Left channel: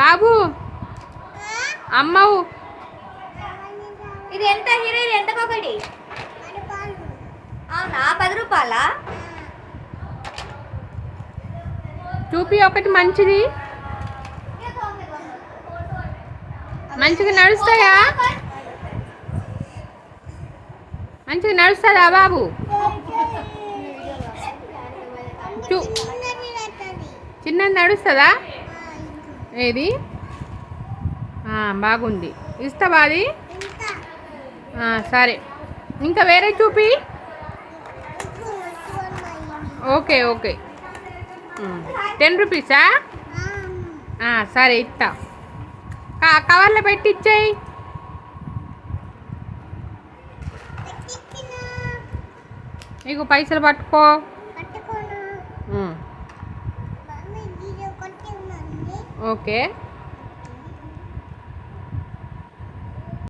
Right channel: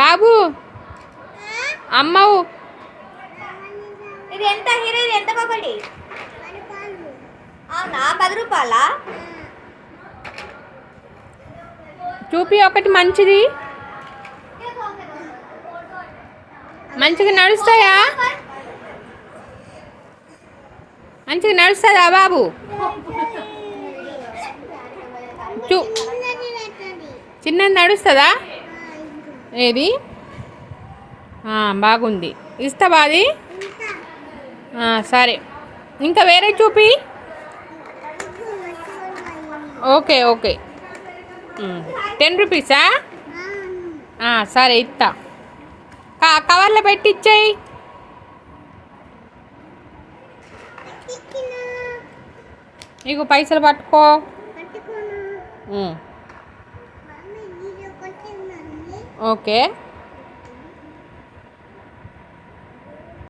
బాబు అమ్మవు ఇది ఎంత హీరో? ఇది ఎంత ఒకటి? అవునా, 10 రూపాయలా? చూపి ఒకటి మంచిది. మంచిగా నడుస్తాయా? మంచిగా నడుస్తుందా బాబు? చిన్నది నడుస్తుందా? ఏది బాగుంది, ఇస్తావా అది? సరే, ఇంకా వేరే చూపి. Okay okay, 10 రూపీసా? సరే ఇస్తా. కవర్లో పెట్టి ఇచ్చేయి. నీకు పైసలు పట్టుకో. ఓకే.